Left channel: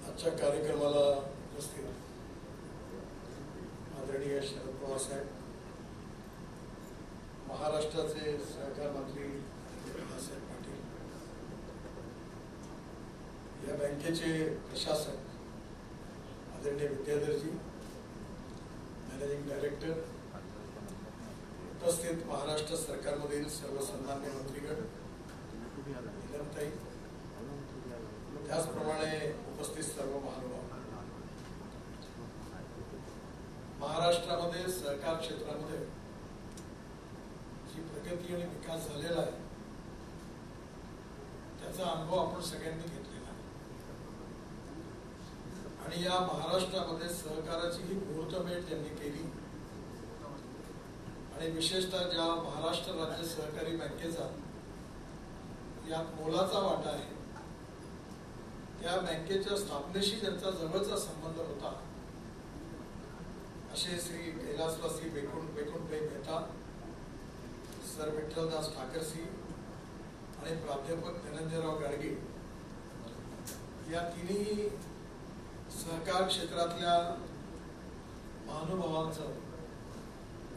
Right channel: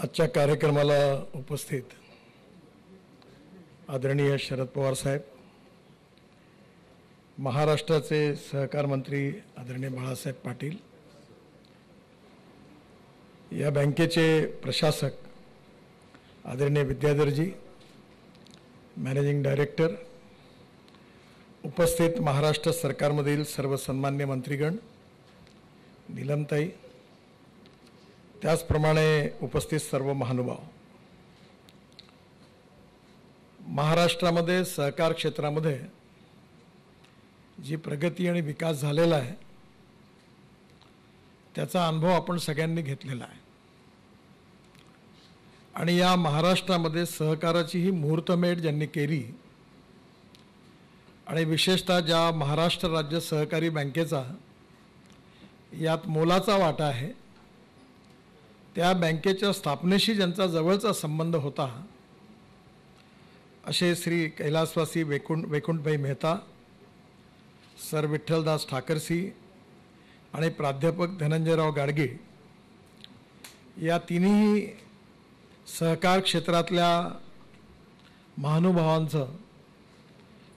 आजच्या कार्यक्रमाला उपस्थित आदरणीय शरद पवार साहेब, महाराष्ट्राचे सहकार मंत्री आदरणीय बाळासाहेब पाटील, या बँकेचे प्रशासक आदरणीय विद्याधरजी, मॅनेजिंग डायरेक्टर, उपस्थित महाराष्ट्र सरकारमधील सर्व सन्मान्य मंत्रीगण, नीलमताई, त्याचप्रमाणे उपस्थित सर्व महानुभाव, महाराष्ट्रामध्ये सहकार क्षेत्रामध्ये जी प्रगती आणि विकास झालेला आहे त्याचा अनुभव आपण सगळ्यांनी घेतलेला आहे आणि या महाराष्ट्रामध्ये सहकाराची ही मुहूर्तमेढ ज्यांनी केली आणि विशेषतः ज्या महाराष्ट्र राज्य सहकारी बँकेचा यात मोलाचा वाटा आहे, त्या बँकेच्या स्थापनेशी ज्यांचा जवळचा संबंध होता असे श्री कैलासवासी वैकुंठभाई मेहता, सर विठ्ठलदास ठाकरसी आणि प्राध्यापक धनंजयराव गाडगे, या तिन्ही सहकार क्षेत्रातल्या महानुभावांचं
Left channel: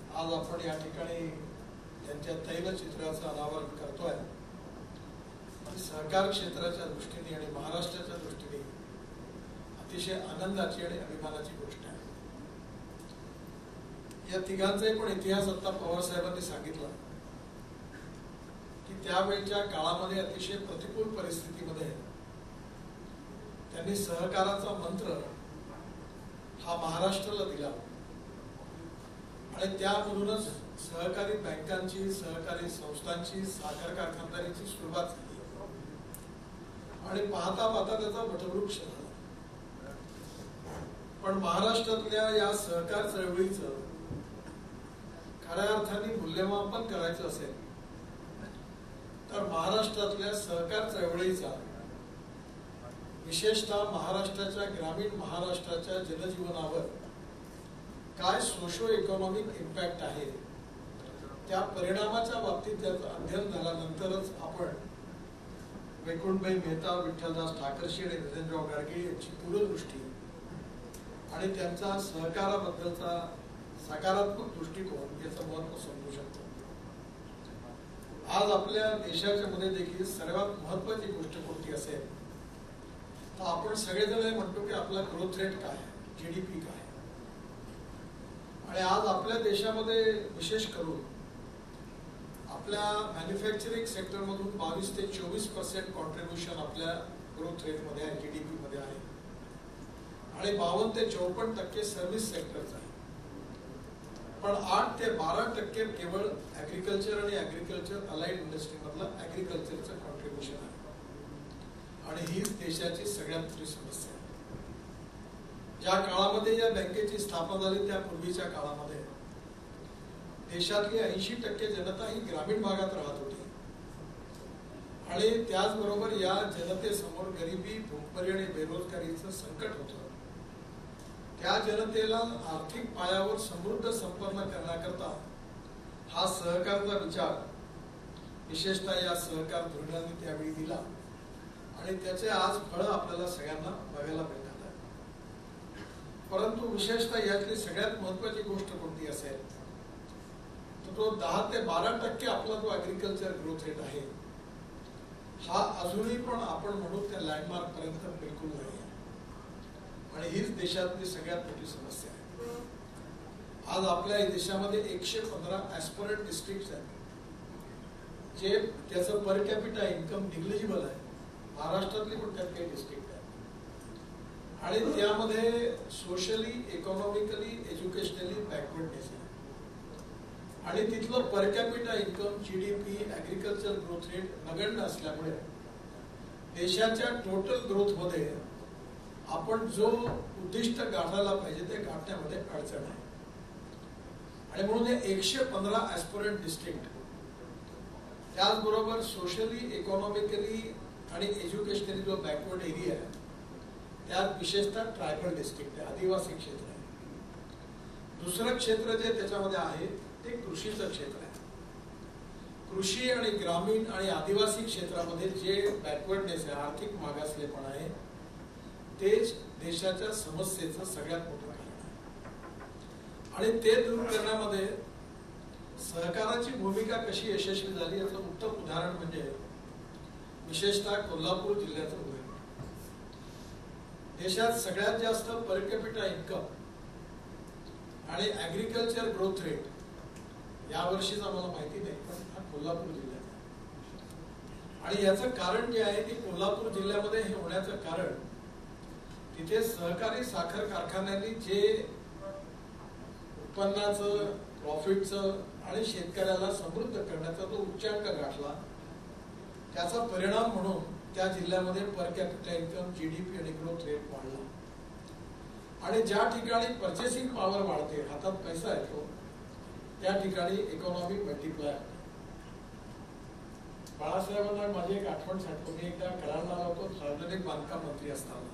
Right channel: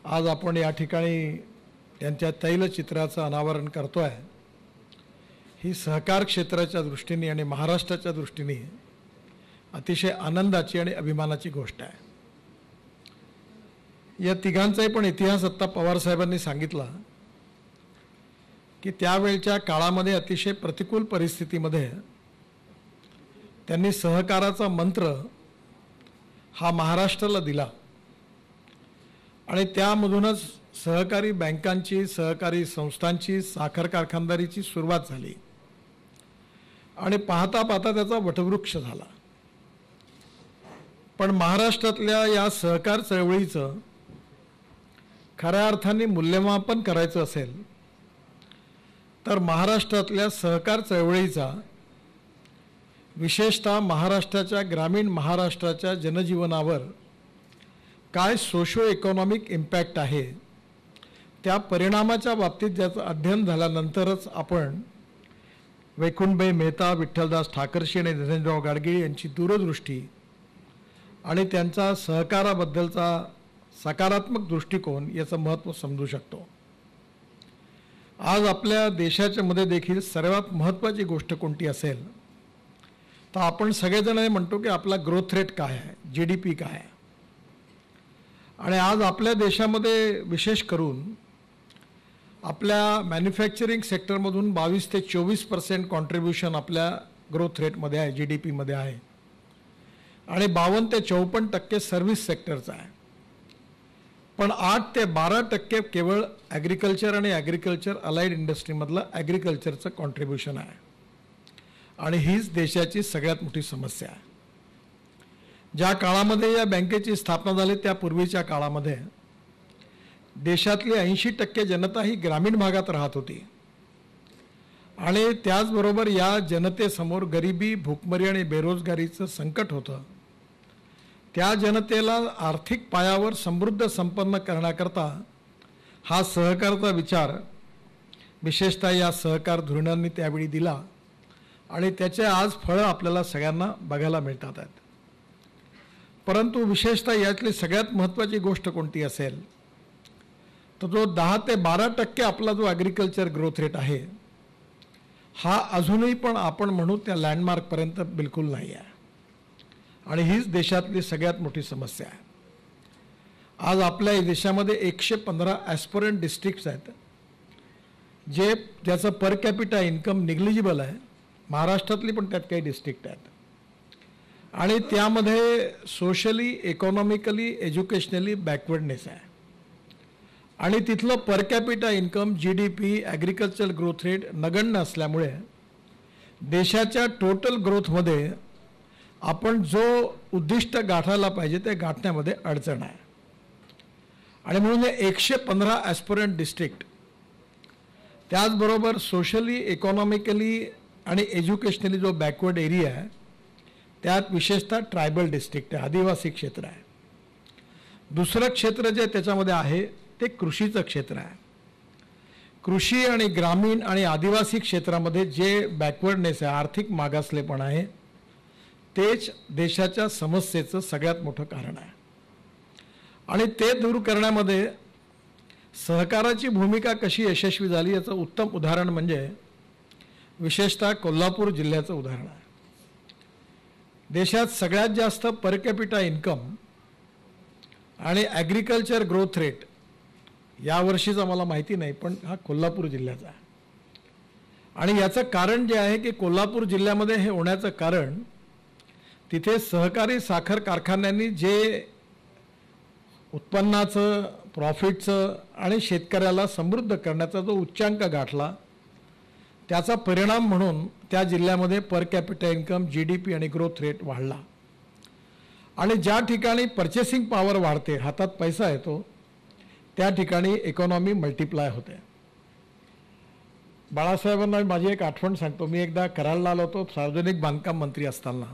आज आपण या ठिकाणी त्यांच्या तैलचित्राचं अनावरण करतोय। ही सहकार क्षेत्राच्या दृष्टीने आणि महाराष्ट्राच्या दृष्टीने अतिशय आनंदाची आणि अभिमानाची गोष्ट आहे। या तिघांचाही पण इतिहास आता पवार साहेबांनी सांगितला की त्यावेळच्या काळामध्ये अतिशय प्रतिकूल परिस्थितीमध्ये त्यांनी सहकाराचा मंत्र हा महाराष्ट्राला दिला आणि त्यामधूनच सहकारी बँकांची, सहकारी संस्थांची, साखर कारखानदारीची सुरुवात झाली आणि पाहता पाहता त्याचा वटवृक्ष झाला। पण महाराष्ट्रातल्या या सहकार चळवळीचं खऱ्या अर्थाने मूल्यमापन करायचं असेल तर महाराष्ट्रातल्या सहकार चळवळीचा, विशेषतः महाराष्ट्राच्या, ग्रामीण महाराष्ट्राच्या जनजीवनावर काय सोशो इकॉनॉमिक इम्पॅक्ट आहे, त्या परिणामाच्या बाबतीत ज्याचं अध्ययन झाल्यानंतरच आपण वैकुंठभाई मेहता, विठ्ठलदास ठाकरसी आणि धनंजयराव गाडगे यांची दूरदृष्टी आणि त्यांचा सहकाराबद्दलचा सकारात्मक दृष्टिकोन याचं महत्त्व समजू शकतो। आज आपल्या देशाच्या मध्ये देखील सर्वात महत्त्वाची गोष्ट कोणती असेल तर आपण सगळेजण हे म्हणतो की आपला ग्रोथ रेट काय आहे, GDP काय आहे, आणि आज आपल्या देशामध्ये विशेष करून आपल्या मॅन्युफॅक्चरिंग सेक्टरमधून 22 ते 24% कॉन्ट्रीब्युशन आपल्या ग्रोथ रेटमध्ये आहे, GDP मध्ये आहे, आणि 52 ते 54% सर्व्हिस सेक्टरचा आहे। पण 8 ते 12% केवळ ॲग्रिकल्चर आणि ॲग्रिकल्चर अलाइड इंडस्ट्रीमधलं ॲग्रिकल्चरचं कॉन्ट्रीब्युशन आहे आणि हीच देशाची सगळ्यात मोठी समस्या आहे। ज्या काळामध्ये या बँकेची स्थापना झाली त्यापूर्वीच्या काळामध्ये देशातली 80% जनता ही ग्रामीण भागात राहत होती आणि त्याचबरोबर या जनतेसमोर गरिबी, भूकमरी आणि बेरोजगारीचं संकट होतं। त्या जनतेला आर्थिक पायावर समृद्ध संपन्न करण्याकरता हा सहकारचा विचार विशेषतः या सहकार धोरणांनी त्यावेळी दिला आणि त्याचे आज फळं आपल्याला सगळ्यांना बघायला मिळतात आहेत। परंतु विशेषतः यातली सगळ्यात महत्त्वाची गोष्ट कोणती असेल तर जो 10 ते 12% आपला जो ॲग्रिकल्चर ग्रोथ रेट आहे हा अजूनही पण आपण म्हणू त्या लँडमार्कपर्यंत बिलकुल नाही आहे आणि हीच देशातली सगळ्यात मोठी समस्या आहे। आज आपल्या देशामध्ये 115 ॲस्पिरंट डिस्ट्रिक्ट्स आहेत ज्याचं पर कॅपिटा इन्कम निग्लिजिबल आहे। महाराष्ट्रातली पण त्यात काही डिस्ट्रिक्ट आहेत आणि त्यामध्ये सोशली, इकॉनॉमिकली, एज्युकेशनली बॅकवर्डनेस आहे आणि तिथलं per capita income, GDP, agriculture growth rate नगण्य असल्यामुळे देशाच्या टोटल ग्रोथमध्ये आपण जो उद्दिष्ट गाठायला पाहिजे ते गाठण्यामध्ये अडचण आहे आणि म्हणून 115 ॲस्पिरंट डिस्ट्रिक्ट, त्याचबरोबर सोशली, इकॉनॉमिकली आणि एज्युकेशनली जो बॅकवर्ड एरिया आहे त्यात विशेषतः ट्रायबल डिस्ट्रिक्ट आहे, आदिवासी क्षेत्र आहे। दुसरं क्षेत्र जे त्याच्यामध्ये आहे ते कृषीचं क्षेत्र आहे। कृषी आणि ग्रामीण आणि आदिवासी क्षेत्रामध्ये जे बॅकवर्डनेस आहे, आर्थिक मागासलेपण आहे, तेच देशाच्या समस्येचं सगळ्यात मोठं कारण आहे. आणि ते दूर करण्यामध्ये सहकाराची भूमिका कशी यशस्वी झाली याचं उत्तम उदाहरण म्हणजे विशेषतः कोल्हापूर जिल्ह्याचं उदाहरण आहे. देशात सगळ्यात जास्त पर कॅपिटा इन्कम आणि ॲग्रिकल्चर ग्रोथ रेट यावर्षीचा मला माहिती नाही, पण हा कोल्हापूर जिल्ह्याचा आहे. आणि याचं कारण जे आहे की कोल्हापूर जिल्ह्यामध्ये हे होण्याचं कारण तिथे सहकारी साखर कारखान्यांनी जे उत्पन्नाचं, प्रॉफिटचं आणि शेतकऱ्याला समृद्ध करण्याचा जो उच्चांक गाठला त्याचा परिणाम म्हणून त्या जिल्ह्यामध्ये पर कॅपिटा इन्कम, GDP आणि ग्रोथ रेट वाढला. आणि ज्या ठिकाणी पर्चेसिंग पॉवर वाढते, हातात पैसा येतो, त्या ठिकाणी इकॉनॉमी मल्टिप्लाय होते. बाळासाहेबांना माझी एक आठवण सांगतो. मी एकदा कराडला आलो होतो सार्वजनिक बांधकाम मंत्री असताना,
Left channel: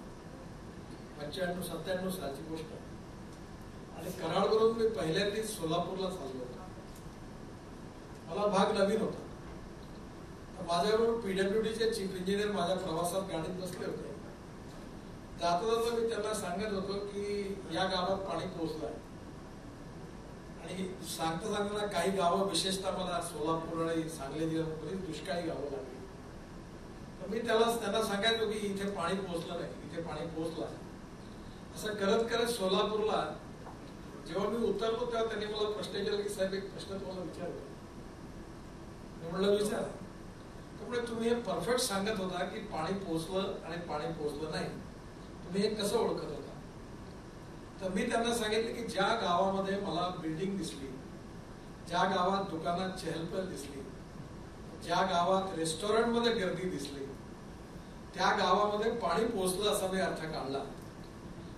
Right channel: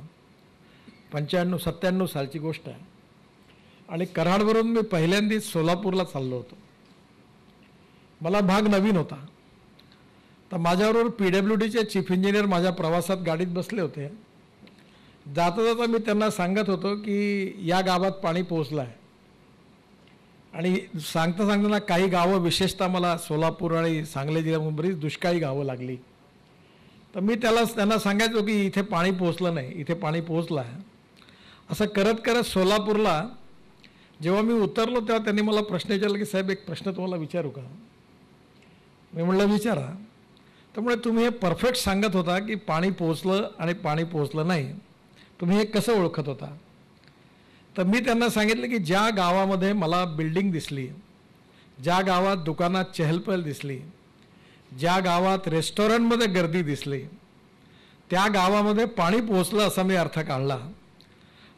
95-97 सालची गोष्ट आहे. आणि कराडवरून मी पहिल्यांदाच सोलापूरला चाललो होतो. मला भाग नवीन होता. तर माझ्याबरोबर PWDचे चीफ इंजिनियर माझ्या प्रवासात गाडीत बसले होते. जाता जाता मी त्यांना सांगत होतो की या गावात पाणी पोहोचलं आहे. आणि सांगता सांगताना काही गावं, विशेषतः मला सोलापूर आणि सांगली जिल्ह्यात बरीच दुष्काळी गावं लागली. तर मी त्यांना सांगायचो की इथे पाणी पोहोचलं नाही, इथे पाणी पोहोचलं आहे. असं करत करत सोलापूरला जेव्हा मी उतरलो तेव्हा त्यांनी मला प्रश्न विचारला की साहेब एक प्रश्न तुम्हाला विचारू का. मी म्हटलं विचारा. त्यामुळे तुम्ही हे परफेक्ट सांगत होता की पाणी पोहोचलं आणि पाणी पोहोचलं नाही, तुम्ही हे कसं ओळखत होता. तर मी त्यांना सांगितलं की ज्या गावामध्ये मला बिल्डिंग दिसली, ज्या गावात दुकानात चहलपहल दिसली, ज्या गावात रेस्टॉरंटमध्ये गर्दी दिसली, त्या गावामध्ये पाणी पोहोचलं असा मी अर्थ काढला.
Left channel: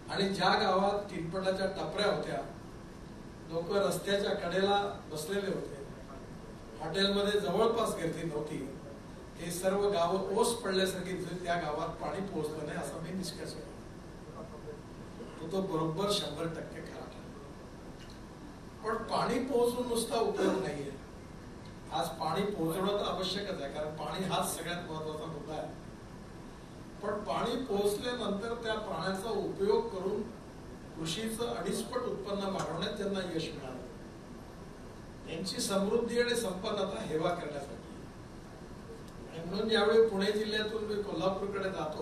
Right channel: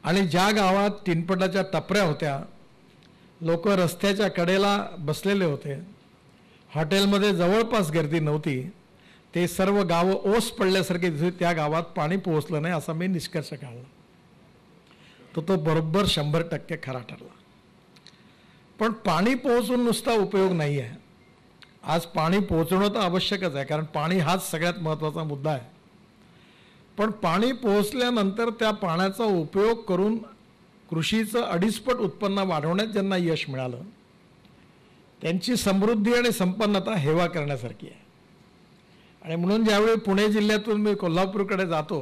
आणि ज्या गावात तीनपटाच्या टपऱ्या होत्या, लोक रस्त्याच्या कडेला बसलेले होते, हॉटेलमध्ये जवळपास गर्दी नव्हती, ते सर्व गावं ओस पडल्यासारखे दिसले, त्या गावात पाणी पोहोचलं नाही असा मी निष्कर्ष काढला. तो बरोबर 100% खरा ठरला. पण पाणी पोहोचून नुसता उपयोग नाही आहे. आज पाणी पोहोचणं तर आवश्यकच आहे, कारण पाणी हाच सगळ्यात महत्त्वाचा मुद्दा आहे. पण पाणी पोहोचल्यानंतर त्या पाण्याचा उपयोग करून कृषीचं 2.5 पट उत्पन्न वाढवण्यात ज्यांना यश मिळालं, त्यांची समृद्धी आणि संपन्नता हेवा करण्यासारखी आहे. आणि म्हणून ज्यावेळी पुणे जिल्ह्यातून मी कोल्हापूरकडे जातो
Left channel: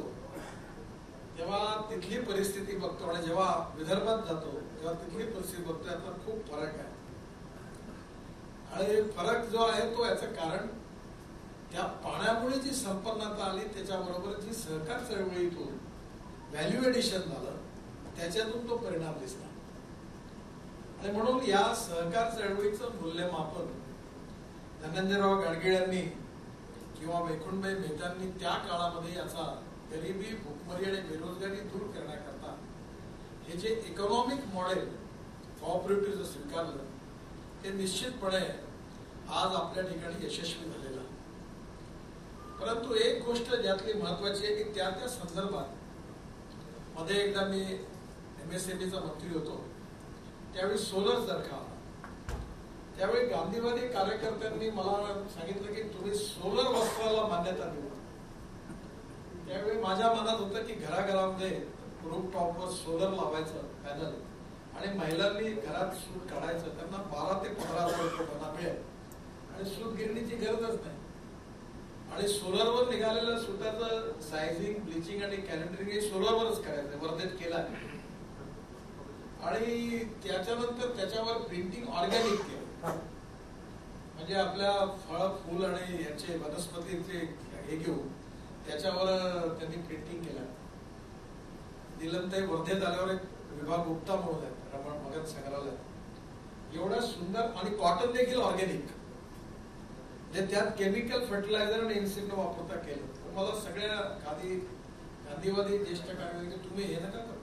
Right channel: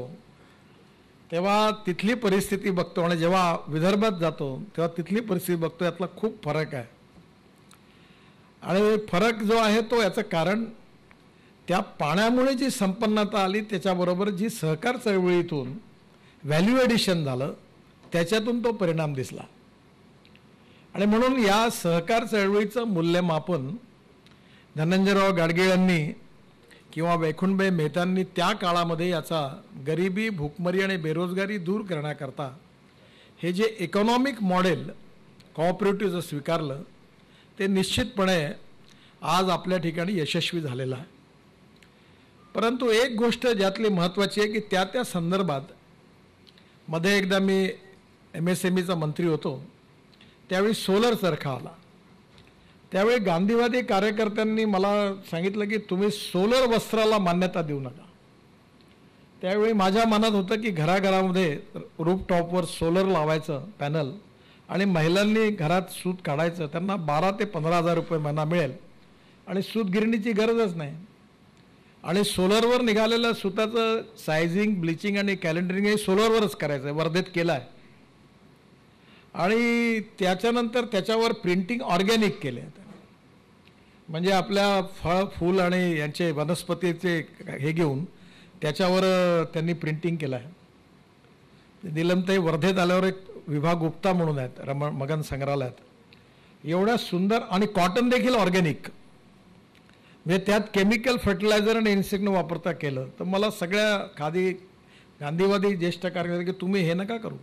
तेव्हा तिथली परिस्थिती बघतो, आणि जेव्हा विदर्भात जातो तेव्हा तिथली परिस्थिती बघतो, यातला खूप फरक आहे. आणि फरक जो आहे तो याचं कारण त्या पाण्यामुळे जी संपन्नता आली, त्याच्याबरोबर जी सहकार चळवळीतून व्हॅल्यू ॲडिशन झालं, त्याच्यातून तो परिणाम दिसला. आणि म्हणून या सहकार चळवळीचं मूल्यमापन धनंजयराव गाडगीळ यांनी किंवा वैकुंठभाई मेहतांनी त्या काळामध्ये याचा गरिबी, भूकमरी आणि बेरोजगारी दूर करण्याकरता हे जे इकॉनॉमिक मॉडेल कोऑपरेटिव्हचं स्वीकारलं, ते निश्चितपणे आज आपल्या ठिकाणी यशस्वी झालेलं आहे. परंतु एक गोष्ट ज्यातली महत्त्वाची आहे की त्या संदर्भात मध्ये एकदा मी MSMEचा मंत्री होतो, त्यावेळी सोलर चरखा आला. त्यावेळी गांधीवादी कार्यकर्त्यांनी मला सांगितलं की तुम्ही सोलर वस्त्राला मान्यता देऊ नका. त्यावेळी माझ्या मनात होतं की घराघरामध्ये रूफटॉपवर सोलर लावायचं पॅनल, आणि महिलांनी घरात सूत काढायचं, त्यांना 12 ते 15 हजार रुपये महिना मिळेल आणि सूत गिरणीची गरजच नाही. आणि सोलरवर निघालेलं सुताचं सायझिंग, ब्लिचिंग आणि कॅलेंडरिंग हे सोलरवरच करायचं आहे, वर्धेत केलं आहे. आणि त्याच्यानंतर त्याच्यावर प्रिंटिंग ऑर्गॅनिक केले, म्हणजे आपल्या फळ, फूल आणि यांचे वनस्पतीचे हे घेऊन त्याच्यावर त्यांनी प्रिंटिंग केलं आहे. नीलमताई वर्धेत आल्यावर एक विभाग गुप्ता म्हणून आहेत मगन संग्रहालयात, एवढ्या सुंदर, आणि कॉटन देखील ऑर्गॅनिक, म्हणजे त्यात केमिकल फर्टिलायझर आणि इन्सेक्ट न वापरता केलं. तर मला सगळ्या गांधीवादी ज्येष्ठ कार्यकर्ते की तुम्ही हे नका करू.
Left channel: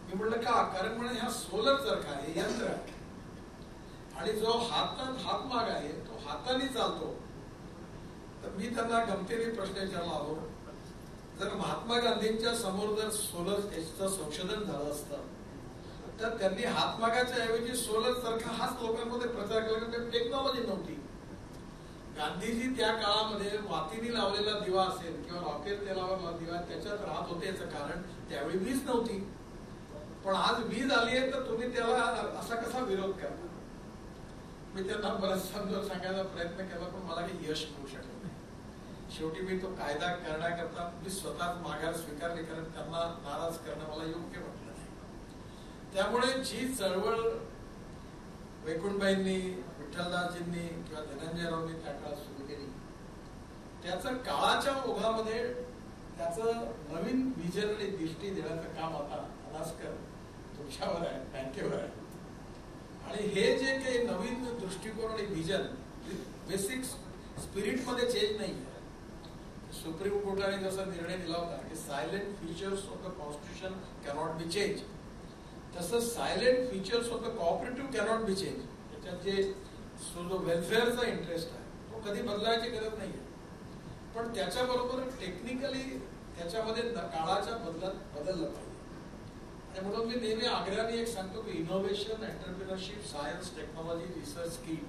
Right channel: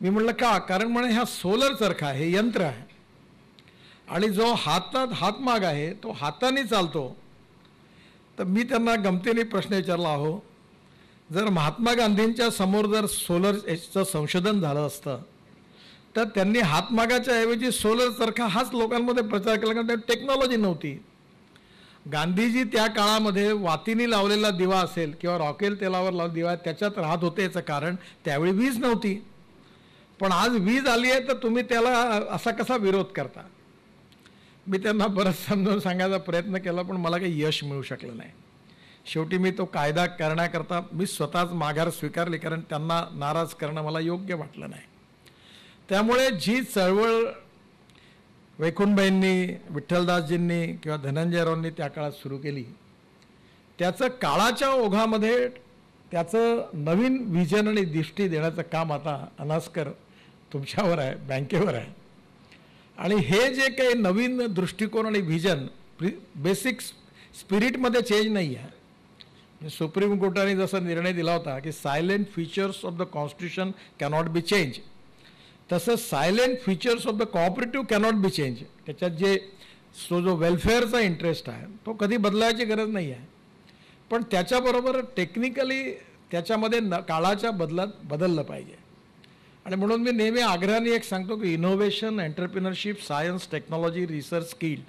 मी म्हटलं का? कारण म्हणे हा सोलर चरखा हे यंत्र आहे, आणि जो हातमाग आहे तो हाताने चालतो. तर मी त्यांना गमतीने प्रश्न विचारला, अहो जर महात्मा गांधींच्या समोर जर सोलरचं संशोधन झालं असतं तर त्यांनी हातमागाच्या ऐवजी सोलर चरखा हाच लोकांमध्ये प्रचार केला, कारण टेक्नॉलॉजी नव्हती. गांधीजी त्या काळामध्ये वातीने लावलेला दिवा असेल किंवा रॉकेल तेलावर दिवा त्याच्यात राहत होते, याचं कारण त्यावेळी वीज नव्हती. पण आज वीज आली आहे तर तुम्ही त्याला असा कसा विरोध करता. मी त्यांना बरंच समजावून सांगायचा प्रयत्न केला, पण मला काही यश मिळू शकलं नाही. शेवटी मी तो कायदा करण्याकरता मी स्वतःच माघार स्वीकारली, कारण त्यांना नाराज करणं मला योग्य वाटलं नाही. त्यामुळे जी चळवळ वैकुंठबाईंनी, विठ्ठलदासजींनी किंवा धनंजयरावांनी त्या काळात सुरू केली, त्याचं काळाच्या ओघामध्ये त्याचं नवीन विजन आणि दृष्टी देण्याचं काम आता अनास्कर तुमच्यावर आहे, बँकेवर आहे. आणि हे जे काही नवीन दृष्टिकोन आणि व्हिजन बेसिक स्पिरिटमध्ये चेंज नाही आहे. सुप्रीम कोर्टाने जसा निर्णय दिला होता की silent features of the constitution cannot be change, तसं silent features of the cooperative cannot be change. त्याच्यात जो वेलफेअरचा इंटरेस्ट आहे तो कधी बदलायची गरज नाही आहे. पण त्याच्याबरोबर टेक्निकली त्याच्यामध्ये काळाच्या बदललं पाहिजे. आणि म्हणून मी नेहमी आग्रहाने एक सांगतो की innovation, entrepreneurship, science, technology, research, skill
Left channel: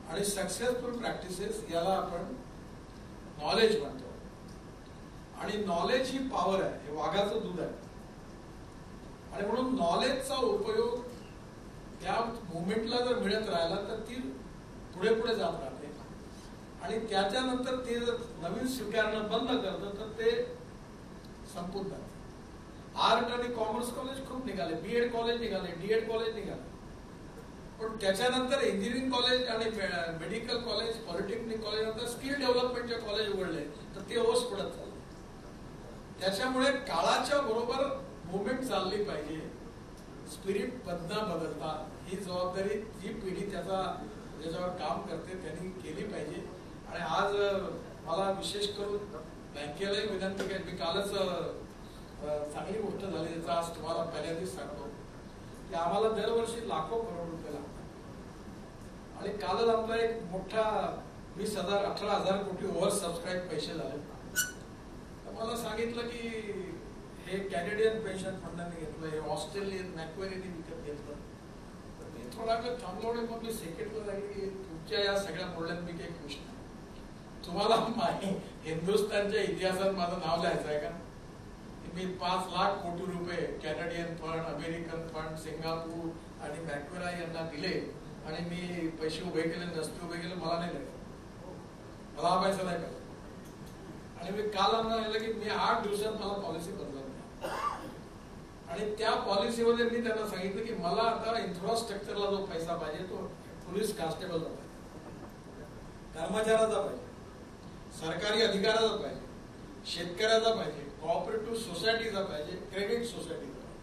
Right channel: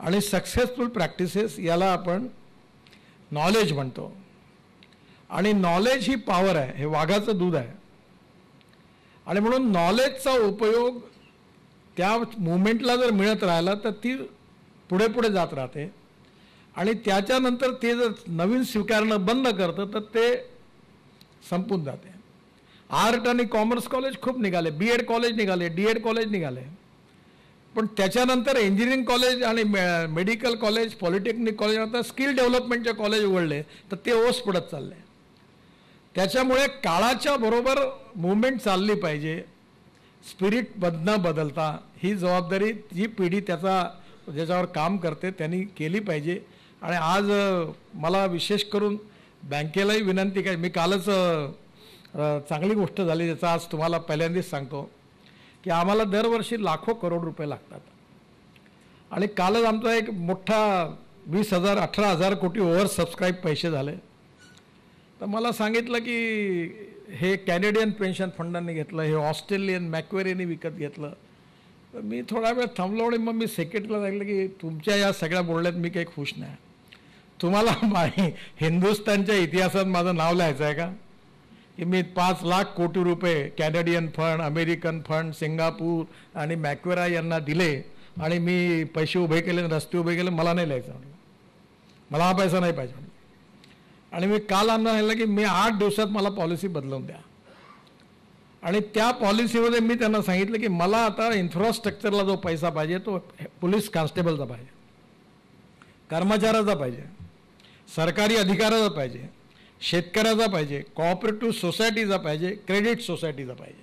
आणि सक्सेसफुल प्रॅक्टिसेस याला आपण नॉलेज म्हणतो. आणि नॉलेज ही पॉवर आहे, हे वाघाचं दूध आहे. आणि म्हणून नॉलेजचा उपयोग त्या मुवमेंटला जर मिळत राहिला तर ती पुढे पुढे जात राहते. आणि त्याच्यानंतर ते जर नवीन स्वीकारणं बंद करतं तर ते संपून जाते. आर्ट आणि कॉमर्स कॉलेज खूप निघाले, BEd कॉलेज निघाले, DEd कॉलेज निघाले, पण त्याच्यानंतर इंजिनिअरिंग कॉलेज आणि मेडिकल कॉलेज, पॉलिटेक्निक कॉलेज, आता स्किल डेव्हलपमेंटचे कॉलेज उघडले तर ते ओस पडत चालले. त्याच्यामुळे काळाच्या बरोबर मुवमेंट चालली पाहिजे. स्पिरिट न बदलता ही जबाबदारी जी पिढी ज्याच्यावर काम करते त्यांनी केली पाहिजे. आणि आज मला विशेष करून बँकेलाही विनंती काय, मी कालच चांगली गोष्ट झाली त्याचा आज तुम्हाला पहिल्यांदाच सांगतो की आम्हाला दरवर्षी लाखो करोड रुपये लागतात. आणि कालच आमचा एक मोठा 20,000-18,000 कोटी ओव्हर सबस्क्राईब पैसे झाले. तर मला सांगितलं की हे कॅनेडियन पेन्शन फंडांनी घेतलं, हे ऑस्ट्रेलियन मॅक्वेरीने विकत घेतलं. तर मी थोडा वेळ थांबलो आणि मग मी सेक्रेटरीला सांगितलं की तुमच्या या सगळ्या बोलण्यात मी काही खुश नाही. तुम्हाला हिंदुस्थानच्या इतिहासात माझं नाव लिहायचं आहे का की मी 5 लाख कोटी रुपये Canadian fund, American fund, Singapore आणि मॅक्वेरा यांना दिले आणि मी पैसे उभे केले, रस्ते उभे केले. मला नाही लिहायचं, मला हा पैसा नाही पाहिजे. आणि मी काल आम्हाला सांगितलं की मी 8 दिवसात मला पॉलिसी बदलवून द्या. आणि त्या पॉलिसीमध्ये मी त्यांना सांगितलं की मला आता इन्फ्रास्ट्रक्चरला जो पैसा पाहिजे तो पोलीस कॉन्स्टेबलचा पाहिजे, कर्मचाऱ्याचा पाहिजे, सरकारी अधिकाऱ्याचा पाहिजे, शेतकऱ्याचा पाहिजे, कोऑपरेटिव्ह सोसायटीचा पाहिजे, क्रेडिट सोसायटीचा पाहिजे.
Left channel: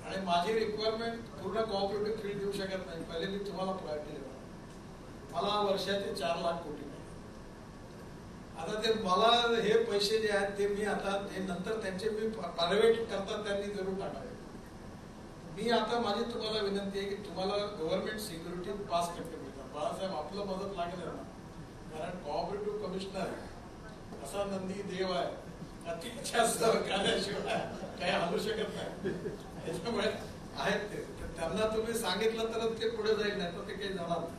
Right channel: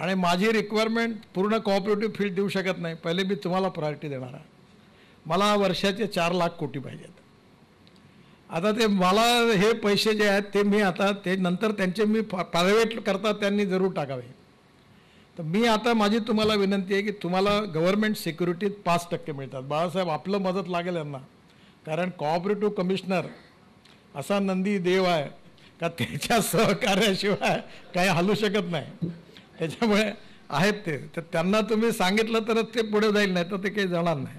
आणि माझी रिक्वायरमेंट पूर्ण कोऑपरेटिव्ह फील्ड देऊ शकत नाही. पहिले मी तुम्हाला प्रायोरिटी देणार आहे. मला वर्षाचे 4 लाख कोटी पाहिजेत. आता ते मला हे पैसे जे आहेत ते मी आता ते नंतर त्यांचे मी प्रायव्हेट करता त्यांनी जरूर टाकावे. तर मी आता माझी तुम्हाला विनंती आहे की तुम्हाला गव्हर्नमेंट सिक्युरिटीत 5% मिळतात. बाळासाहेब आपलं मदत लागेल यांना, कारण कोऑपरेटिव्ह कमिशनर असा नंदी देव आहे का त्याच्या सहकार्याशिवाय काही हलू शकत नाही. त्याच्यामुळे आहेत ते, तर त्यांना तुम्ही सांगितलं तरच ते पुढे जाईल, नाही तर ते काही जाणार नाही.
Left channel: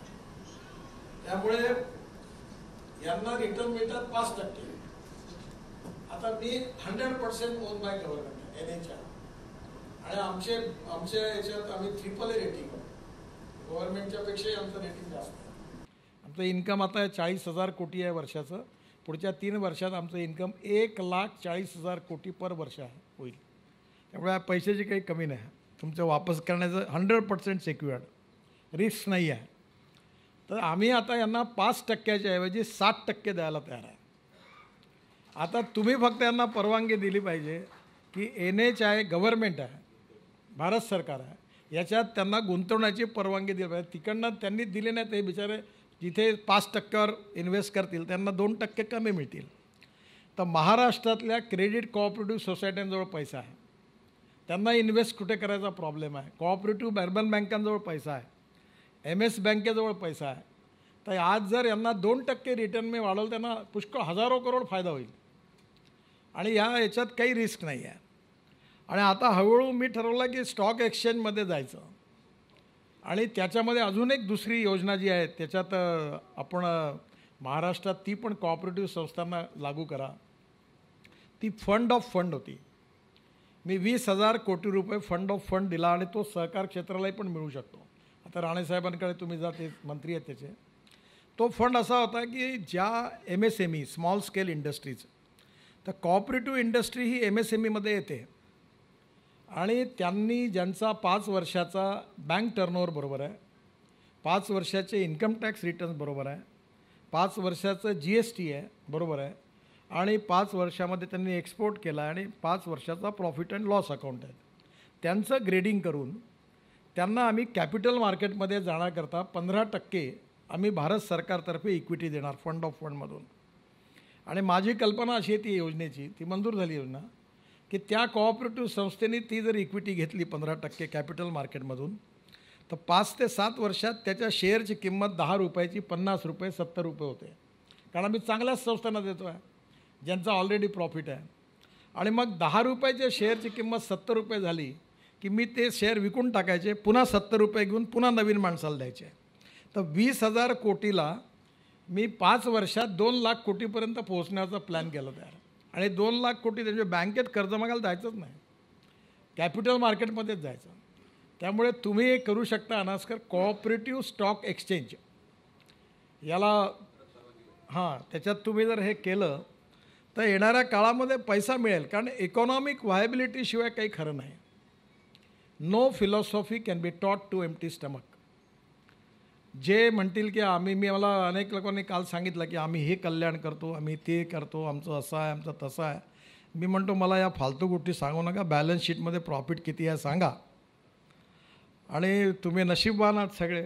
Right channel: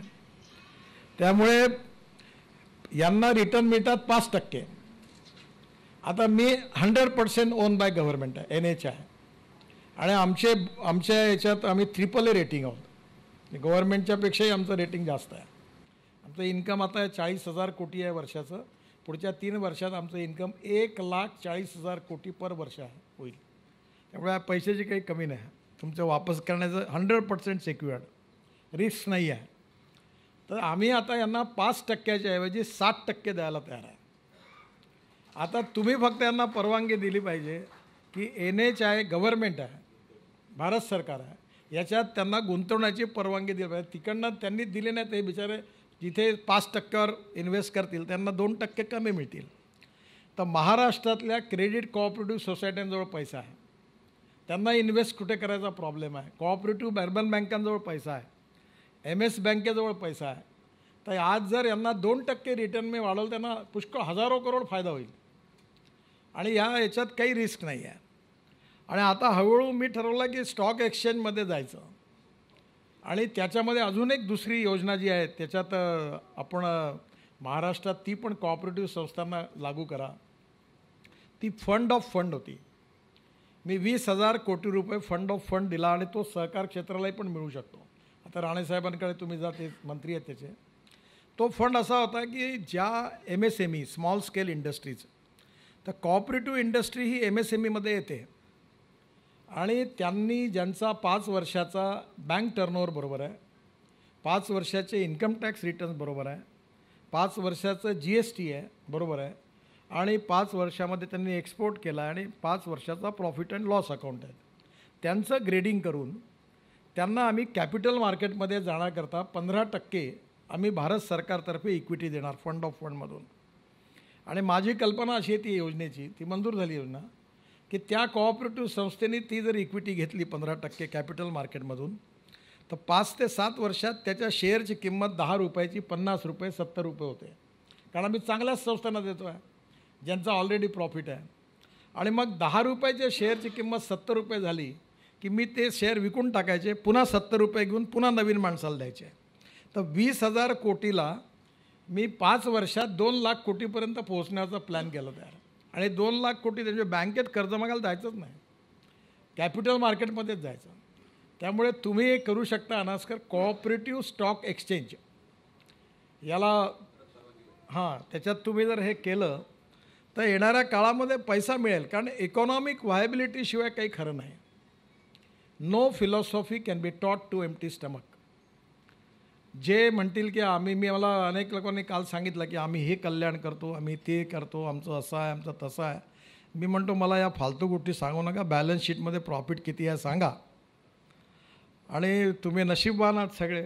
त्यामुळे यांना रिटर्न मिळतात 5%. आता मी 100% ओन बाय गव्हर्नमेंट आहे, NHI. आणि आमच्या याच्यात आम्ही AAA रेटिंग आहोत. गव्हर्नमेंटच्या पेक्षाही आमचं रेटिंग जास्त आहे. आमचं इन्कम आता 40,000 कोटी आहे वर्षाचं. पुढच्या 3 वर्षात आमचं इन्कम 1,40,000 कोटी पर वर्ष होईल. त्यामुळे पैशाची काही कमी नाही. तुमचं वापस करण्याचं 100% सिक्युअर्ड, रिस्क नाही आहे. तर आम्ही आता यांना 5%च्या ऐवजी 7% द्यायला तयार आहे. आता तुम्ही फक्त यांना परवानगी दिली पाहिजे की NHI गव्हर्नमेंट आहे, भारत सरकार आहे, याच्यात त्यांना गुंतवण्याची परवानगी दिली पाहिजे. तिकडनं त्यांनी दिले नाही ते बिचारे जिथे 5%वर इन्व्हेस्ट करतील त्यांना 2% कमी मिळतील. तर महाराष्ट्रातल्या क्रेडिट कोऑपरेटिव्ह सोसायट्यांजवळ पैसा आहे, त्यांना इन्व्हेस्ट कुठे करायचा प्रॉब्लेम आहे. कोऑपरेटिव्ह अर्बन बँकांजवळ पैसा आहे, MS बँकेजवळ पैसा आहे. तर आज जर यांना 2% रिटर्न मी वाढवलं त्यांना पुष्कळ हजारो करोड फायदा होईल. आणि याच्यात काही रिस्क नाही आहे. आणि आता हळूहळू मी ठरवलं की स्टॉक एक्सचेंजमध्ये जायचं. आणि त्याच्यामध्ये अजून एक दुसरी योजना जी आहे त्याच्यात आपण महाराष्ट्रात ती पण कोऑपरेटिव्ह संस्थांना लागू करा. ती फंड ऑफ फंड होती. मी 20,000 कोटी रुपये फंड ऑफ फंड दिला आणि तो सहकार क्षेत्रालाही पण मिळू शकतो. आता राणेसाहेबांकडे तुम्ही जा, ते मंत्री आहेत त्याचे. तो फंड असा होता की ज्या MSME स्मॉल स्केल इंडस्ट्रीज, तर कोऑपरेटिव्ह इंडस्ट्री ही MSMEमध्ये येते आणि त्यांनी ज्यांचा 5 वर्षाचा बँक टर्नओव्हर बरोबर आहे, 5 वर्षाचे इन्कम टॅक्स रिटर्न्स बरोबर आहे, 5 वर्षाचं GST आहे बरोबर आहे, आणि 5 वर्षामध्ये त्यांनी एक्सपोर्ट केला आणि 5 वर्षाचा प्रॉफिट अँड लॉस अकाउंट आहे, त्यांचं ग्रेडिंग करून त्यांना आम्ही कॅपिटल मार्केटमध्ये जाण्याकरता 15% आम्ही भारत सरकारतर्फे इक्विटी देणार फंड ऑफ फंडमधून. आणि माझी कल्पना अशी आहे ती योजनेची, ती मंजूर झाली योजना, की त्या कोऑपरेटिव्ह संस्थेने ती जर इक्विटी घेतली 15% कॅपिटल मार्केटमधून, तर 5 ते 7 वर्षात त्याच्या शेअरची किंमत 10 रुपयाची 50 रुपये 70 रुपये होते. कारण आम्ही चांगल्याच संस्थांना देतो आहे ज्यांचा ऑलरेडी प्रॉफिट आहे. आणि मग 10 रुपयाच्या शेअरची किंमत 70 रुपये झाली की मी ते शेअर विकून टाकायचे, पुन्हा 70 रुपये घेऊन पुन्हा नवीन माणसाला द्यायचे. तर 20,000 कोटीला मी 5 वर्षात 2 लाख कोटीपर्यंत पोहोचण्याचा प्लॅन केला तयार. आणि 2 लाख कोटी त्यांच्या बँकेत कर्ज मागायला जायचंच नाही, कॅपिटल मार्केटमध्येच जायचं. त्यामुळे तुम्ही हे करू शकता अनास्कर, कोऑपरेटिव्ह स्टॉक एक्सचेंज याला. हां, त्याच्यात तुम्ही जर हे केलं तर येणाऱ्या काळामध्ये पैसा मिळेल. कारण इकॉनॉमिक व्हायबिलिटीशिवाय काही खरं नाही. No philosophy can be taught to empty stomach. जे म्हणतील की मला अनेक लोकांनी काल सांगितलं की आम्ही हे कल्याण करतो, आम्ही ते करतो, आमचं असं आहे, आमचं तसं आहे. मी म्हणतो मला या फालतू गोष्टी सांगू नका. बॅलन्स शीटमध्ये प्रॉफिट किती आहे सांगा. आणि तुम्ही नशीबवान आहात सगळे,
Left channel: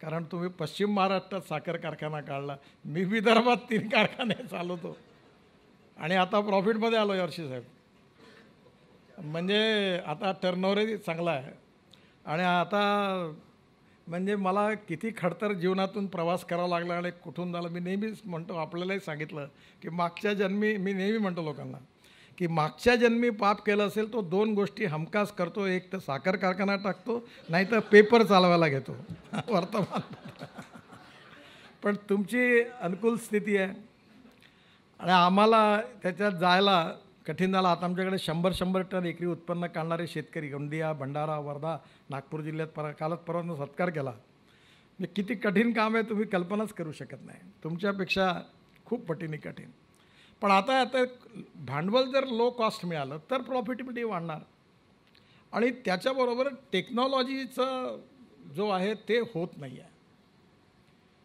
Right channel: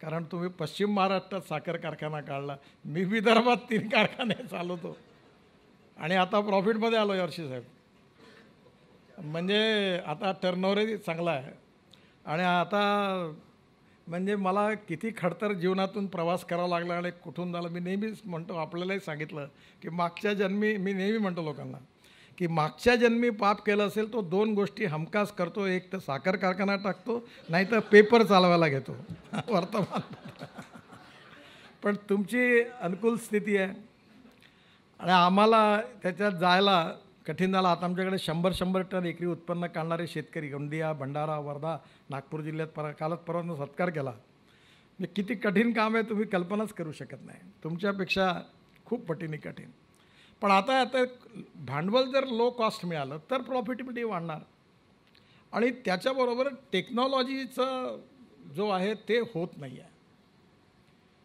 कारण तुम्ही पश्चिम महाराष्ट्रात साखर कारखाना काढला. मी विदर्भात 3 कारखाने चालवतो आणि आता प्रॉफिटमध्ये आलो यावर्षी साहेब. म्हणजे आता टर्नओव्हरही चांगला आहे. आणि आता म्हणजे मला किती खडतर जीवनातून प्रवास करावा लागला आणि कुठून झाला. मी नेहमीच म्हणतो, आपल्यालाही सांगितलं की मागच्या जन्मी, मी नेहमी म्हणतो लोकांना की मागच्या जन्मी पाप केलं असेल तो 2 गोष्टी हमखास करतो. एक तर साखर कारखाना टाकतो, नाही तर पेपर चालवायला घेतो वर्तमान. पण तुमची अनुकूल स्थिती आहे आणि आम्हाला त्याच्यात जायला कठीण झालं. आता आमच्याकडे 100 टन एकरी उत्पन्न काढणारे शेतकरी, गोंदिया, भंडारा, वर्धा, नागपूर जिल्ह्यात कालच परवानं सत्कार केला. म्हणजे किती कठीण काम आहे तुम्ही कल्पनाच करू शकत नाही. तुमच्यापेक्षा खूप पटीने कठीण. पण आता भांडवल जर लो कॉस्ट मिळालं तर प्रॉफिटेबिलिटी वाढणार. आणि त्याच्याबरोबर टेक्नॉलॉजीचं जो आहे ते होत नाही आहे.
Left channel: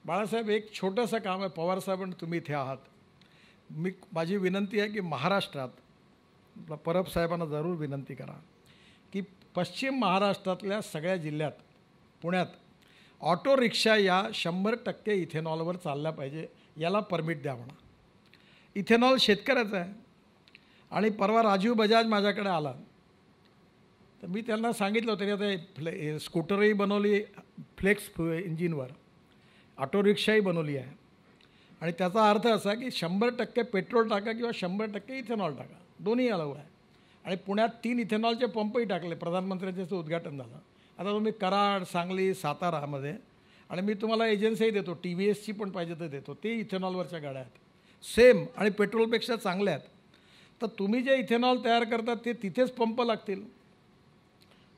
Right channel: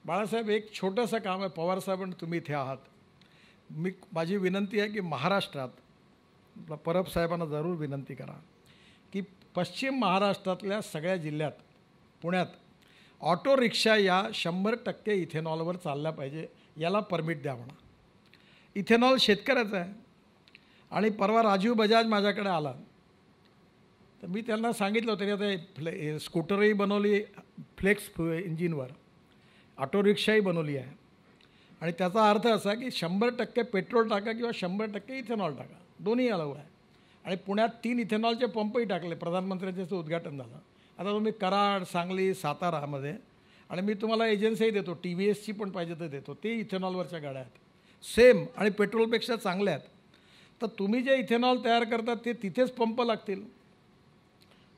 बाळासाहेब, एक छोटंसं काम आहे. पवारसाहेब आणि तुम्ही इथे आहात. माझी विनंती आहे की महाराष्ट्रात परब साहेबांना जरूर विनंती करा की पश्चिम महाराष्ट्रातल्या सगळ्या जिल्ह्यात, पुण्यात ऑटो रिक्षा या 100% इथेनॉलवर चालल्या पाहिजे. याला परमिट द्या म्हणा. इथेनॉल शेतकऱ्याचं आहे. आणि परवा राजीव बजाज माझ्याकडे आला तर मी त्यांना सांगितलं होतं की आता स्कूटरही बनवली फ्लेक्स इंजिनवर, ऑटो रिक्षाही बनवली आहे. आणि त्याचा अर्थ असा की 100% पेट्रोल टाका किंवा 100% इथेनॉल टाका, दोन्ही अलाऊ आहे. आणि पुण्यात 3 इथेनॉलचे पंपही टाकले. प्रधानमंत्र्यांचं उद्घाटन झालं. आता तुम्ही कराड, सांगली, सातारामध्ये, आणि मी तुम्हाला एजन्सीही देतो, TVSची पण पाहिजे तर देतो, ते इथेनॉलवरच्या गाड्या आहेत, सेम आणि पेट्रोलपेक्षा चांगल्या आहेत. तर तुम्ही जे इथेनॉल तयार करतात ते तिथेच पंप लागतील.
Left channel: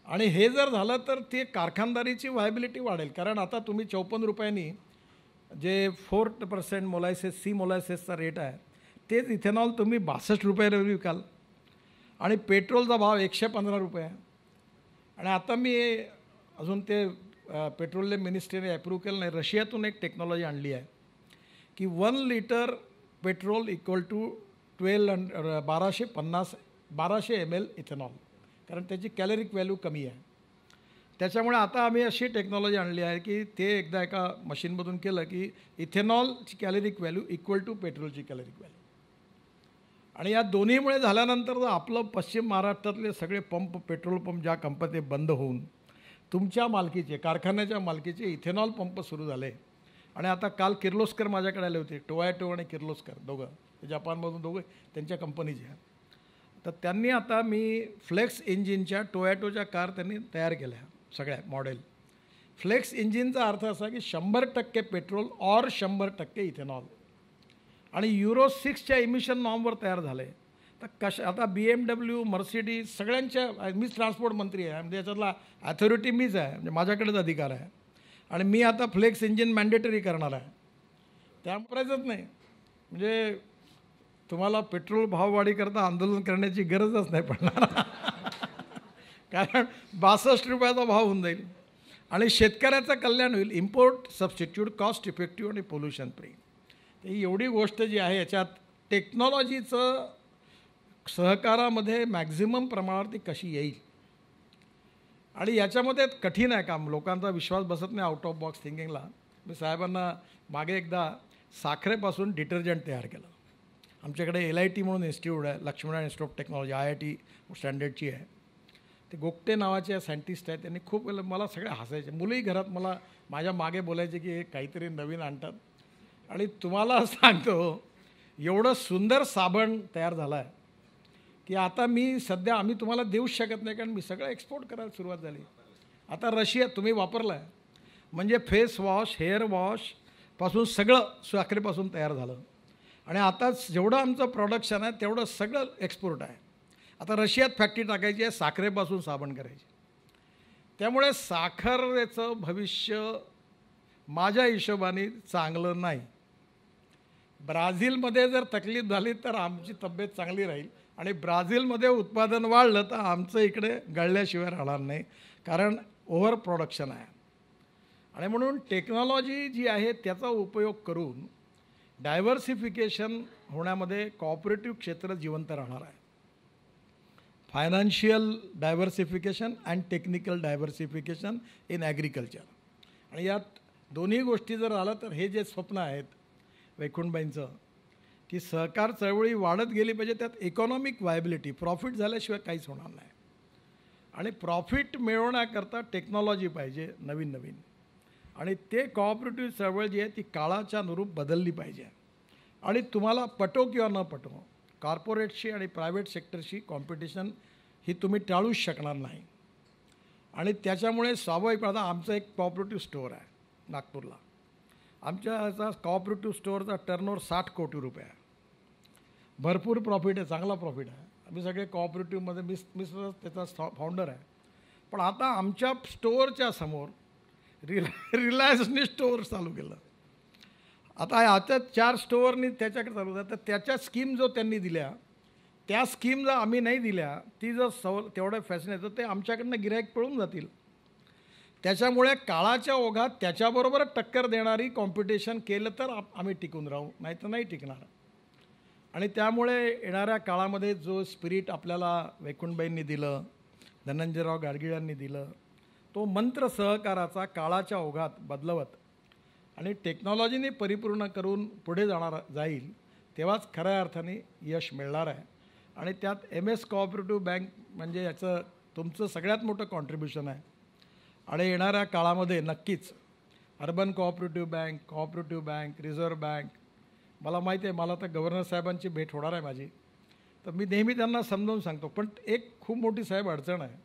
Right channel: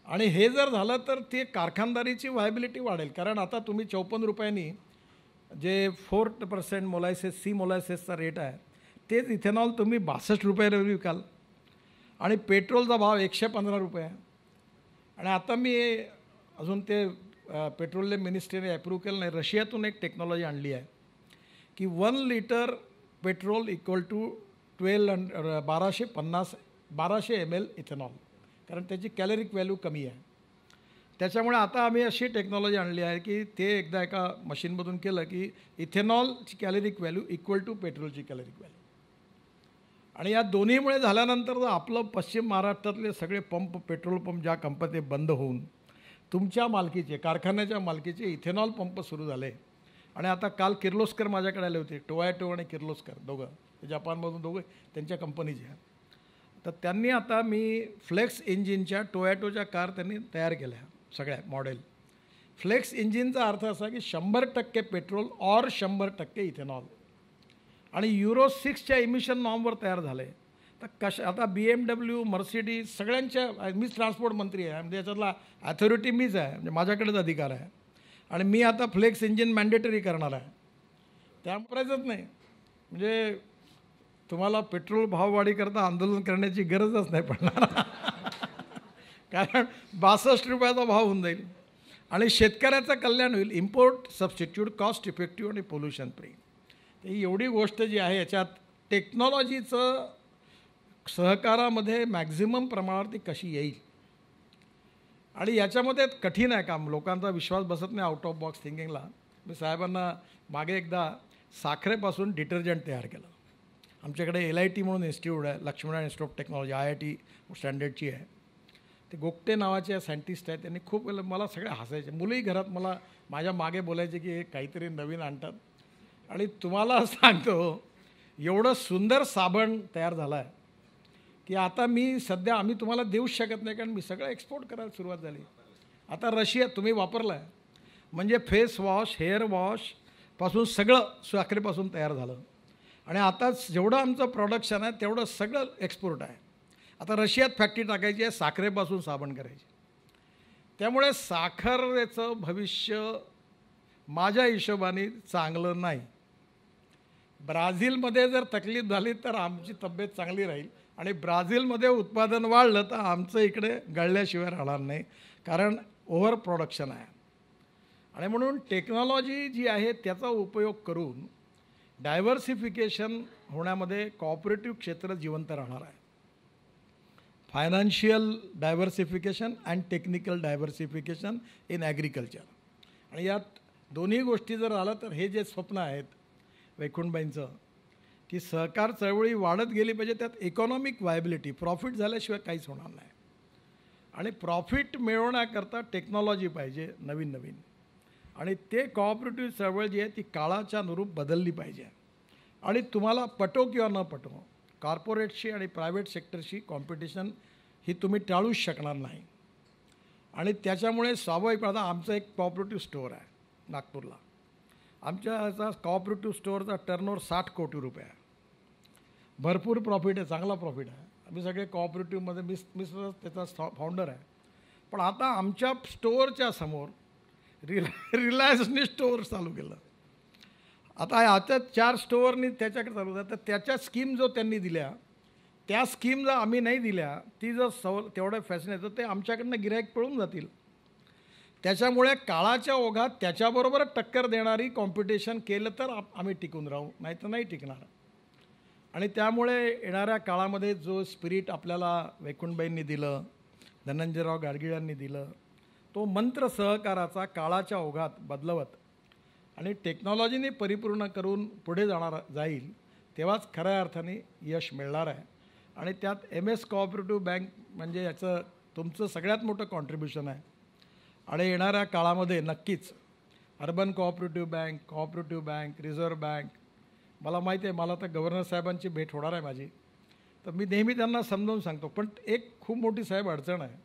आणि हे जर झालं तर ते कारखानदारीची व्हायबिलिटी वाढेल. कारण आता तुम्ही 54 रुपयांनी जे 4% मोलॅसेस, सी मोलॅसेसचा रेट आहे, तेच इथेनॉल तुम्ही 62 रुपयाला विकाल. आणि पेट्रोलचा भाव 115 रुपये आहे. आणि आता मी अजून ते पेट्रोलियम मिनिस्ट्रीने अप्रूव्ह केलं नाही, रशियातून एक टेक्नॉलॉजी आणली आहे की 1 litre petrol equal to 1250 ml ethanol, कारण त्याची कॅलरिक व्हॅल्यू कमी आहे. त्याच्यामुळे आता आम्ही अशी टेक्नॉलॉजी आणली आहे की ते एकदा एका मशीनमधून केलं की इथेनॉलची कॅलरिक व्हॅल्यू इक्वल टू पेट्रोलची कॅलरिक व्हॅल्यू. आणि या दोन्हीमुळे झाल्यानंतर आपलं पश्चिम महाराष्ट्रातले सगळे पंप, पेट्रोल पंप ज्या कंपनी बंद होऊन तुमच्या मालकीचे, कारखान्याच्या मालकीचे इथेनॉल पंप सुरू झाले. आणि आता काल किर्लोस्कर माझ्याकडे आले होते, टोयॅटो आणि किर्लोस्कर दोघं, जपानमधून दोघं त्यांच्या कंपनीचे आहेत. तर त्यांनी आता मी फ्लेक्स इंजिनच्या टोयॅटोच्या कार त्यांनी तयार केल्या, सगळ्या मॉडेल फ्लेक्स इंजिनचा अर्थ असा की 100% पेट्रोल और 100% इथेनॉल आणि युरो 6च्या इमिशन नॉर्मवर तयार झाले. तर आता BMW, मर्सिडीज सगळ्यांच्या, मीच ट्रान्सपोर्ट मंत्री आहे म्हणजे याच्यातला ॲथॉरिटी मीच आहे, म्हणजे माझ्याकडेच अधिकार आहे आणि मी आता फ्लेक्स इंजिन मॅन्डेटरी करणार आहे. त्यामुळेच नाही म्हणजे तुम्हाला पेट्रोल भाववाढी करता आंदोलन करण्याची गरजच नाही पडणार कारण 62 रुपयाचा भाव होऊन जाईल आणि शेतकऱ्याचं कल्याण होईल. इम्पोर्ट सबस्टिट्यूट, कॉस्ट इफेक्टिव्ह आणि पोल्युशन फ्री. ही एवढी गोष्ट जी आहे याच्यात टेक्नॉलॉजीचं सहकारामध्ये मॅक्झिमम प्रमाणात ती कशी येईल आणि याच्यामध्ये कठीण आहे काम. लोकांचा विश्वास बसत नाही आउट ऑफ बॉक्स थिंकिंगला. मी साहेबांना मागे एकदा साखरेपासून डिटर्जंट तयार केलं. आमच्याकडे LIT म्हणून इन्स्टिट्यूट आहे, Laxminarayan institute of technology, IIT स्टँडर्डची आहे. ते गोगटे नावाचे सायंटिस्ट आहेत, त्यांनी खूप वेळेला मला सगळे हसायचे. मुलंही घरात मला माझ्या मागे बोलायचे की हे काहीतरी नवीन आणतात. आणि तुम्हाला सांगतो एवढं सुंदर साबण तयार झाला आहे की आता मी सध्या आम्ही तुम्हाला देऊच शकत नाही कारण मी सगळं एक्सपोर्ट करायला सुरुवात झाली. आता रशिया तुम्ही वापरला आहे म्हणजे फेस वॉश, हेअर वॉशपासून सगळं साखरेपासून तयार झालं आणि आता जेवढं आमचं प्रोडक्शन आहे तेवढं सगळं एक्सपोर्ट आहे. आता रशियात फॅक्टरी टाकायची आहे, साखरेपासून साबण करायची. त्यामुळे साखरेचं भविष्य माझ्या हिशोबाने चांगलं नाही. ब्राझीलमध्ये जर तकलीफ झाली तर आमची तब्येत चांगली राहील आणि ब्राझीलमध्ये उत्पादन वाढलं तर आमचं इकडे गळल्याशिवाय राहणार नाही कारण ओव्हर प्रोडक्शन आहे. आणि म्हणून टेक्नॉलॉजी जी आहे त्याचा उपयोग करून डायव्हर्सिफिकेशन होण्यामध्ये कॉपरेटिव्ह क्षेत्र जिवंत राहणार आहे. Financial diversification and technical diversification in agriculture. आणि यात दोन्ही गोष्टी जर आलं तर हे जे स्वप्न आहेत वैकुंठबाईंचं की सहकार चळवळी वाढत गेली पाहिजे, त्यात इकॉनॉमिक व्हायबिलिटी, प्रॉफिट झाल्याशिवाय काहीच होणार नाही. आणि प्रॉफिट मिळवण्याकरता टेक्नॉलॉजी पाहिजे नवीन नवीन आणि ते कॉपरेटिव्ह चळवळ जी आहे ती काळाच्या अनुरूप बदलली पाहिजे. आणि तुम्हाला पटो किंवा न पटो कॉर्पोरेटशी आणि प्रायव्हेट सेक्टरशी कॉम्पिटिशन ही तुम्ही टाळूच शकणार नाही. आणि त्याच्यामुळे स्वाभाविक आता आमचं एक कॉपरेटिव्ह स्टोअर आहे नागपूरला. आमच्या ह्याचा कॉपरेटिव्ह स्टोअरचा टर्नओव्हर 60 कोटी रुपये आहे. भरपूर प्रॉफिट आहे, चांगला प्रॉफिट आहे. आम्ही सगळे कॉपरेटिव्हमध्ये मी त्याचा फाउंडर आहे. पण आता आमच्या स्टोअरच्या समोर रिलायन्सने स्टोअर चालू केलं. आता आता 4 स्टोअरनी त्याच्याकडे चालू होतं. तर त्याच्या स्कीम जो त्यांनी दिल्या त्या स्कीम जर आम्ही नाही दिल्या, ती जर तेवढं फॅसिनेट तर ते आमच्याकडनं गिऱ्हाईक पळून जातील. त्याच्यामुळे काळाच्या ओघात त्याच्याबरोबर टक्कर देणारी कॉम्पिटिशन केलं तर आम्ही टिकून राहू, नाही तर नाही टिकणार. आणि त्यामुळे येणाऱ्या काळामध्ये जो स्पिरिट आपल्याला वैकुंठबाईंनी दिलं, धनंजयराव गाडगिळांनी दिलं, तो मंत्र सहकाराचा काळाच्या ओघात बदलवत आणि टेक्नॉलॉजीने परिपूर्ण करून पुढे जाईल तेव्हाच खऱ्या अर्थाने यश मिळणार आहे. आणि त्यात MS कोऑपरेटिव्ह बँक म्हणजे याचं तुमचं सगळ्यात मोठं कॉन्ट्रीब्युशन आहे. आणि येणाऱ्या काळामध्ये नक्कीच urban cooperative bank, reserve bank, मला माहिती आहे मला तर गव्हर्नर साहेबांची भेट होणार आहे माझी, तर मी नेहमी त्यांना समजावून सांगतो. पण एक खूप मोठी साहेब अडचण आहे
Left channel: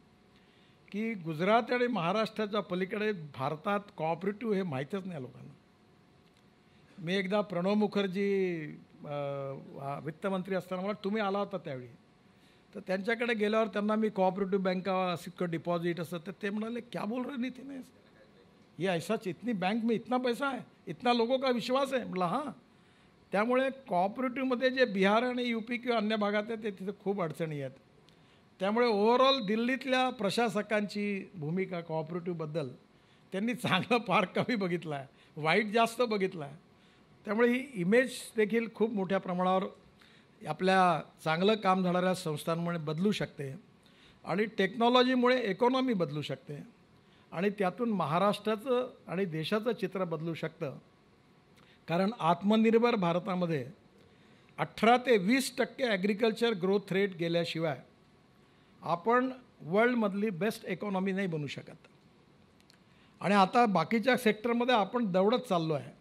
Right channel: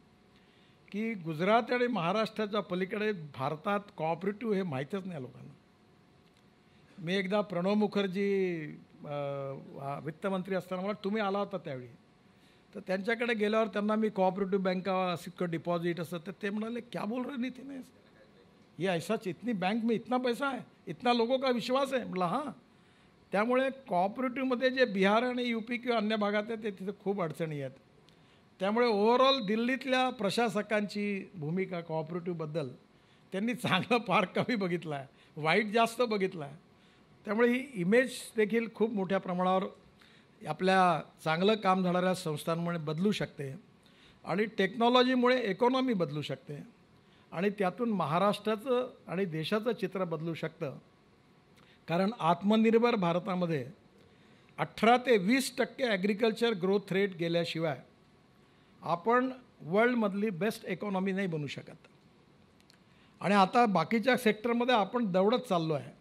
की गुजरात आणि महाराष्ट्राच्या पलीकडे भारतात कोऑपरेटिव्ह हे माहीतच नाही लोकांना. मी एकदा प्रणव मुखर्जी वित्तमंत्री असताना मला तुम्ही आला होता त्यावेळी, तर त्यांच्याकडे गेल्यावर त्यांना मी कोऑपरेटिव्ह बँका सिक्युअर डिपॉझिट असं, तर ते म्हणाले क्या बोल रहे नितीन है ये ऐसाच, इतनी बैंक में इतना पैसा है, इतना लोगों का विश्वास है. म्हटलं हां. त्यामुळे कोऑपरेटिव्हमध्ये जे बिहार आणि UP किंवा अन्य भागात आहे ते तिथे खूप अडचणी आहेत. त्यामुळे ओव्हरऑल दिल्लीतल्या प्रशासकांची भूमिका कोऑपरेटिव्हबद्दल त्यांनी चांगलं फार कमी बघितलं आहे, वाईट जास्त बघितलं आहे. त्यामुळे ही इमेज देखील खूप मोठ्या प्रमाणावर आपल्या चांगलं काम झाणाऱ्या संस्थांमुळे बदलू शकते आणि टेक्नॉलॉजीमुळे इकॉनॉमी बदलू शकते आणि त्यातून महाराष्ट्राचं आणि देशाचं चित्र बदलू शकतं. कारण आत्मनिर्भर भारतामध्ये 18 ते 20% ॲग्रिकल्चर ग्रोथ रेट गेल्याशिवाय आपण वर्ल्डमधली बेस्ट इकॉनॉमी नाही बनू शकत. आणि आता बाकीच्या सेक्टरमध्ये आपण दौडत चाललो आहे.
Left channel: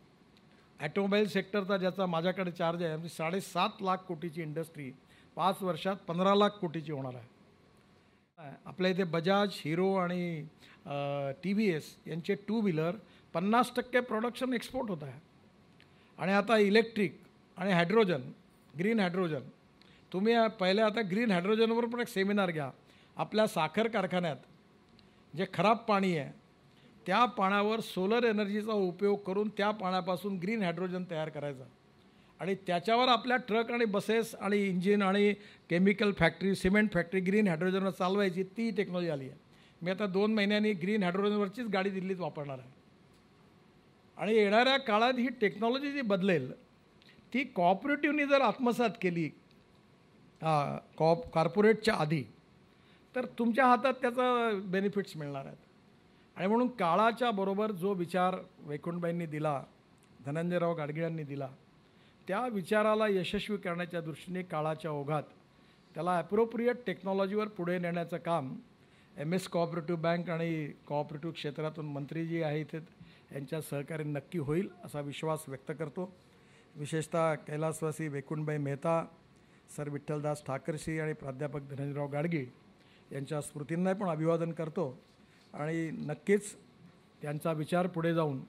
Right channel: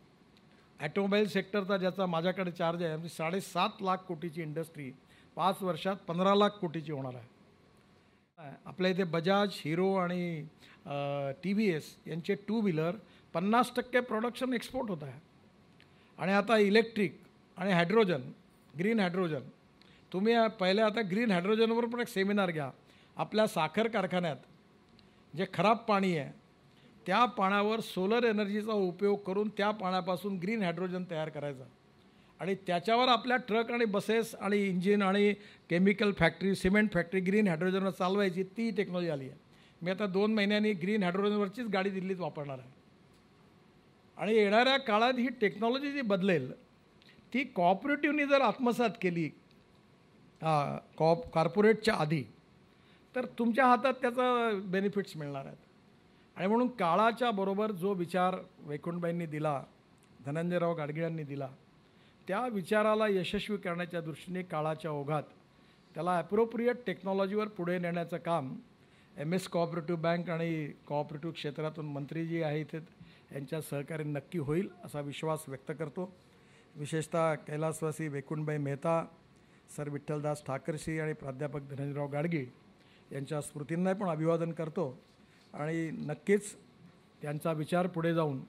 ॲटोमोबाईल सेक्टरचा ज्याचा माझ्याकडे चार्ज आहे, म्हणजे 7.5 लाख कोटीची इंडस्ट्री 5 वर्षात 15 लाख कोटीची होणार आहे. आपल्या इथे बजाज, हिरो आणि TVS यांचे 2 व्हीलर 50% प्रोडक्शन एक्सपोर्ट होत आहे. आणि आता इलेक्ट्रिक आणि हायड्रोजन, ग्रीन हायड्रोजन. तुम्ही पहिले आता ग्रीन हायड्रोजनवर पण एक सेमिनार घ्या. आपल्या साखर कारखान्यात जे खराब पाणी आहे त्या पाण्यावर सोलर एनर्जीचा उपयोग करून त्या पाण्यापासून ग्रीन हायड्रोजन तयार करायचं आणि त्याच्यावर आपल्या ट्रक आणि बसेस आणि इंजिन आणि chemical factory, cement factory green हायड्रोजनवर चालवायची, ती टेक्नॉलॉजी आली आहे. मी आता 2 महिन्यांनी ग्रीन हायड्रोजनवरचीच गाडी दिल्लीत वापरणार आहे. आणि येणाऱ्या काळात ही टेक्नॉलॉजी जी बदलेल ती कॉपरेटिव्हनी जर आत्मसात केली कॉर्पोरेटच्या आधी, तर तुमच्या हातात त्याचा बेनिफिट्स मिळणार आहेत. आणि म्हणून काळाच्या बरोबर जो विचार वैकुंठबाईंनी दिला, धनंजयराव गाडगीळ यांनी दिला, त्या विचाराला यशस्वी करण्याच्या दृष्टीने काळाच्या ओघात त्याला ॲप्रोप्रिएट टेक्नॉलॉजीवर पुढे नेण्याचं काम MS कोऑपरेटिव्ह बँक आणि कोऑपरेटिव्ह क्षेत्रातून मंत्री जी आहे इथे यांच्या सहकार्य नक्की होईल असा विश्वास व्यक्त करतो. विशेषतः कैलासवासी वैकुंठबाई मेहता, सर विठ्ठलदास ठाकरसी आणि प्राध्यापक धनंजयराव गाडगीळ यांच्या स्मृतींना पण अभिवादन करतो. आणि नक्कीच त्यांचा विचार पुढे जाऊन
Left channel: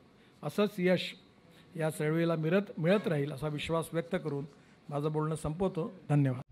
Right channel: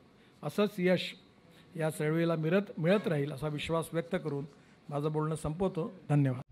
असंच यश या चळवळीला मिळत राहील असा विश्वास व्यक्त करून माझं बोलणं संपवतो. धन्यवाद.